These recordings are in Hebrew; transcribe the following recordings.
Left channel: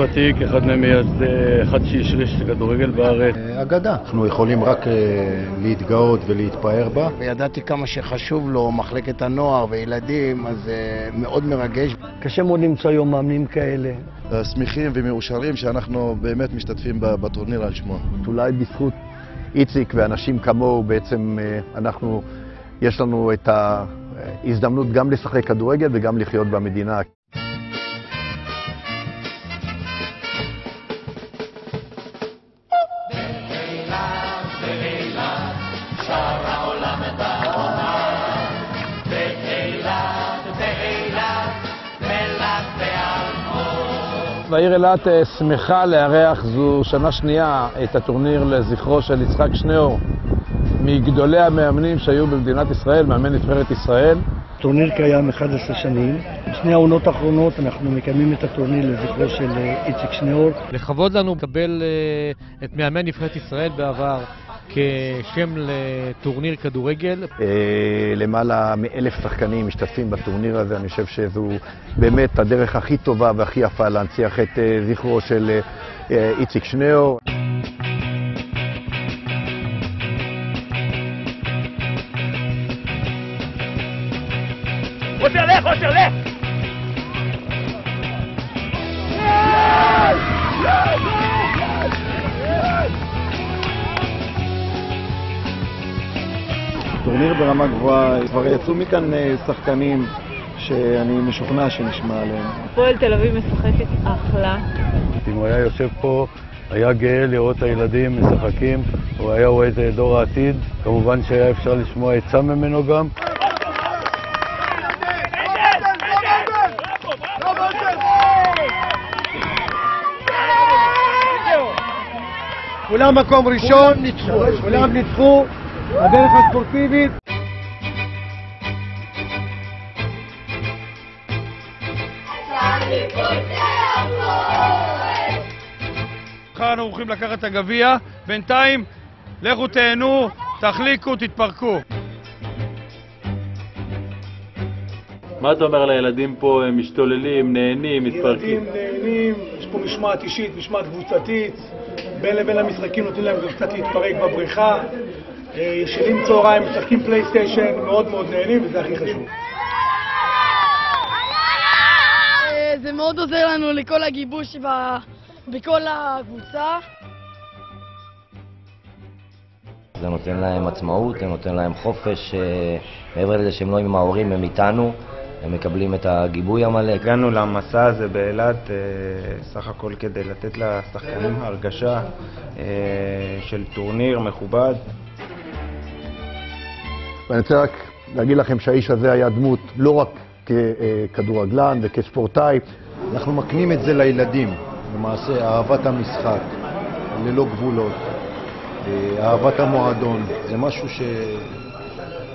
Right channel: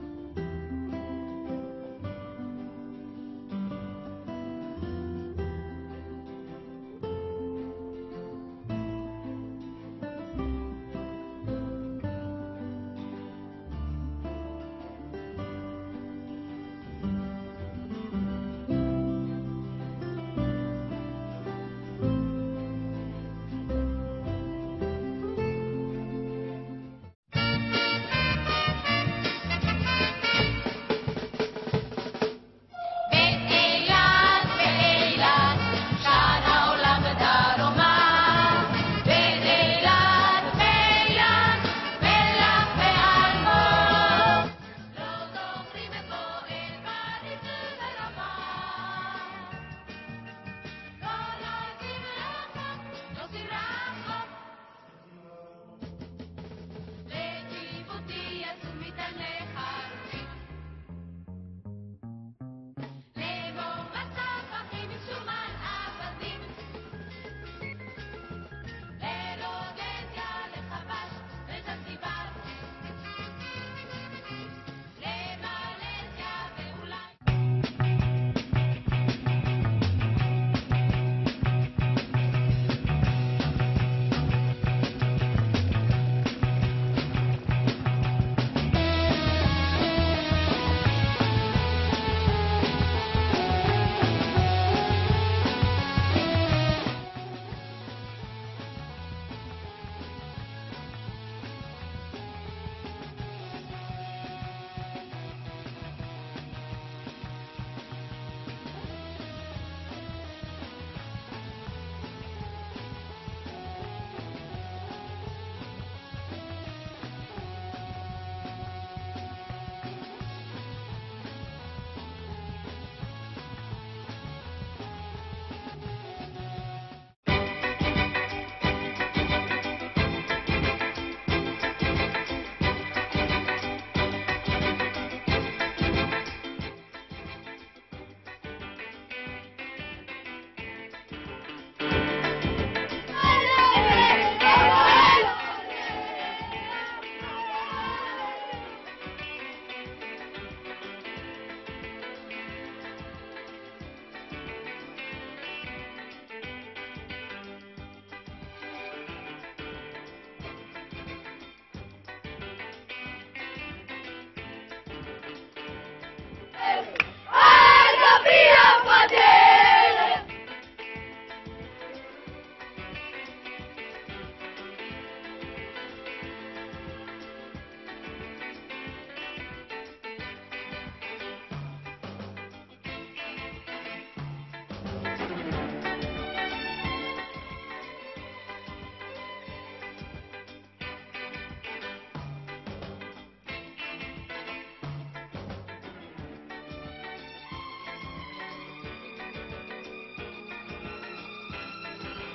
ותיק, אחד ממייסדי, אחד שהשריש את הכדורגל בארץ. אגדה. אנחנו יכולים רק להתגאות ולהתפאר בה. וידעתי כמה שחשוב לו מחלקת הנוער וילדים, אז זה מאוד מרגש. קשה מאוד למצוא היום מאמנים כאלה. שמחים ומאושרים שאנחנו באמת משתתפים בטורניר על שמו. אולי בזכות איציק ואנשים כמוהו בעצם יש לנו את ההזדמנות גם לשחק כדורגל וגם לחיות במדינה. והעיר אילת שמחה לארח זו שנה שנייה את הטורניר לזכרו של יצחק שניאור, מגדולי המאמנים שהיו במדינת ישראל, מאמן נבחרת ישראל. הטורניר קיים 11 שנים. בשני העונות האחרונות אנחנו מקיימים את הטורניר לזכרו של איציק שניאור. לכבוד לנו לקבל את מאמן נבחרת ישראל בעבר כשם לטורניר כדורגל. למעלה מ1,000 שחקנים משתתפים בטורניר הזה. אני חושב שזו באמת הדרך הכי טובה והכי יפה להנציח את זכרו של איציק שניאור. טורניר ברמה גבוהה, כבר יצאו מכאן שחקנים שאני משוכנע שנשמע עליהם. הפועל תל אביב משחקת אחלה. אם הוא היה יושב פה, היה גאה לראות את הילדים משחקים, הוא היה רואה את דור העתיד, כמובן שהיה אפשר לשמוע עצה ממנו גם. כולם מקום ראשון, כולם ניצחו, הדרך הספורטיבית. מחר אנחנו הולכים לקחת את הגביע, בינתיים לכו תהנו, תחליקו, תתפרקו. מה אתה אומר לילדים פה? הם משתוללים, נהנים, מתפרקים? נהנים, יש פה משמעת אישית, משמעת קבוצתית. בין לבין המשחקים נותנים להם גם קצת להתפרק בבריכה. ישנים צהריים, משחקים פלייסטיישן, מאוד מאוד נהנים, וזה הכי חשוב. זה מאוד עוזר לנו לכל הגיבוש בכל הקבוצה. זה נותן להם עצמאות, זה נותן להם חופש, מעבר לזה שהם לא עם ההורים, הם איתנו, הם מקבלים את הגיבוי המלא. הגענו למסע הזה באילת סך הכל כדי לתת לשחקנים הרגשה של טורניר מכובד. ואני רוצה רק להגיד לכם שהאיש הזה היה דמות לא רק ככדורגלן וכספורטאי. אנחנו מקנים את זה לילדים, למעשה אהבת המשחק, ללא גבולות, אהבת המועדון. זה משהו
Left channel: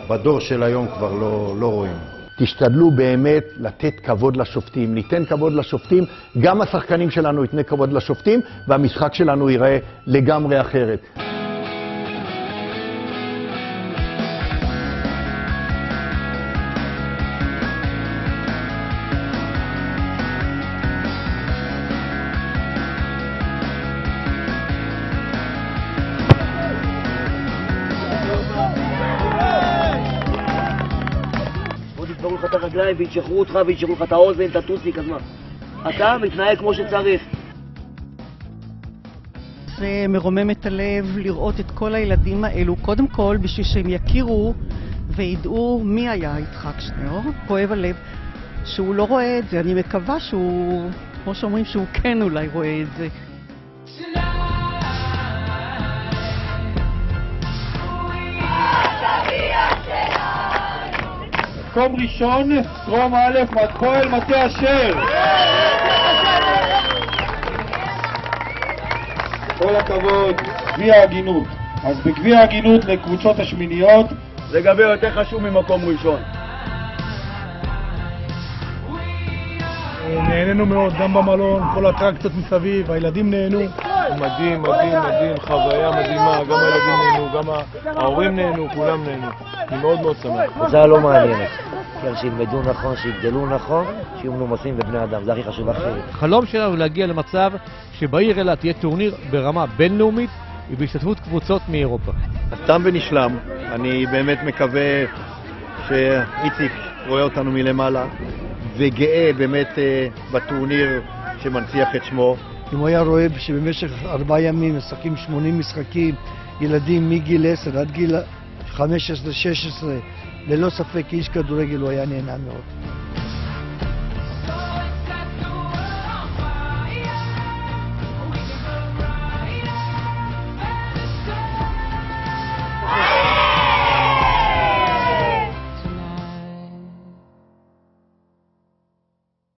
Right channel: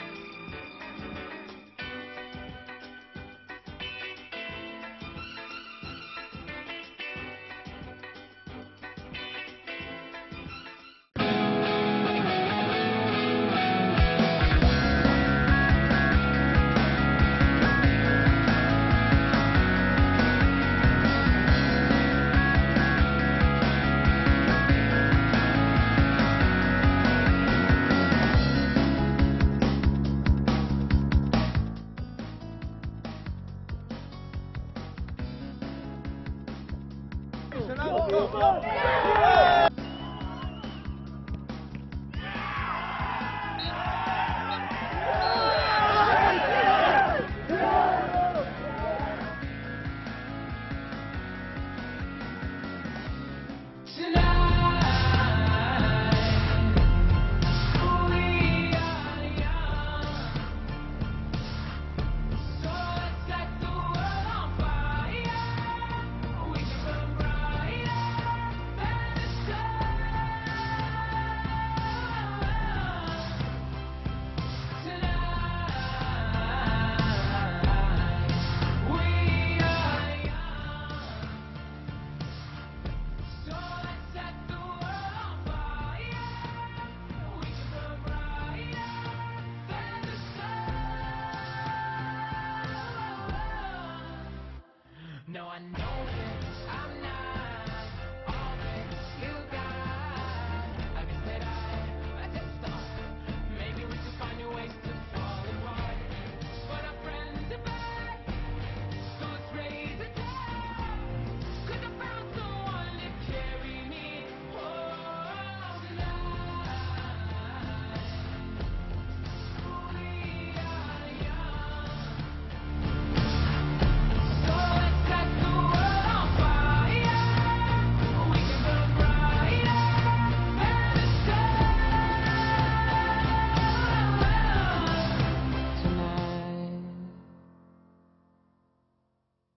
שבדור של היום כבר לא רואים. תשתדלו באמת לתת כבוד לשופטים. ניתן כבוד לשופטים, גם השחקנים שלנו ייתנו כבוד לשופטים, והמשחק שלנו ייראה לגמרי אחרת. את הרגליים וישחררו אותך וישחררו לך את האוזן, את הטוסיק, אז מה? אתה מתנהג כמו שצריך. זה מרומם את הלב לראות את כל הילדים האלו, קודם כל בשביל שהם יכירו וידעו מי היה יצחק שניאור. כואב הלב שהוא לא רואה את זה, אני מקווה שהוא, כמו שאומרים, שהוא כן אולי רואה את זה. מקום ראשון, דרום א', הפועל מטה אשר. כל הכבוד, גביע ההגינות. אז בגביע ההגינות לקבוצות השמיניות זה גביע יותר חשוב ממקום ראשון. נהנינו מאוד, גם במלון, כל האטרקציות מסביב, הילדים נהנו. מדהים, מדהים, מדהים, חוויה מדהימה, גם הילדים נהנו, גם ההורים נהנו, כולם נהנו. אני מאוד מאוד שמח. קבוצה לא מעניינת. כן, שילמדו נכון, שיגדלו נכון, שיהיו מנומסים בבני אדם, זה הכי חשוב עכשיו. החלום שלנו הוא להגיע למצב שבעיר אילת תהיה טורניר ברמה בינלאומית ובהשתתפות קבוצות מאירופה. תם ונשלם. אני באמת מקווה שאיציק רואה אותנו מלמעלה וגאה באמת בטורניר שמנציח את שמו. אם הוא היה רואה שבמשך 4 ימים משחקים 80 משחקים, ילדים מגיל 10 עד גיל 15-16, ללא ספק איש כדורגל הוא היה נהנה מאוד.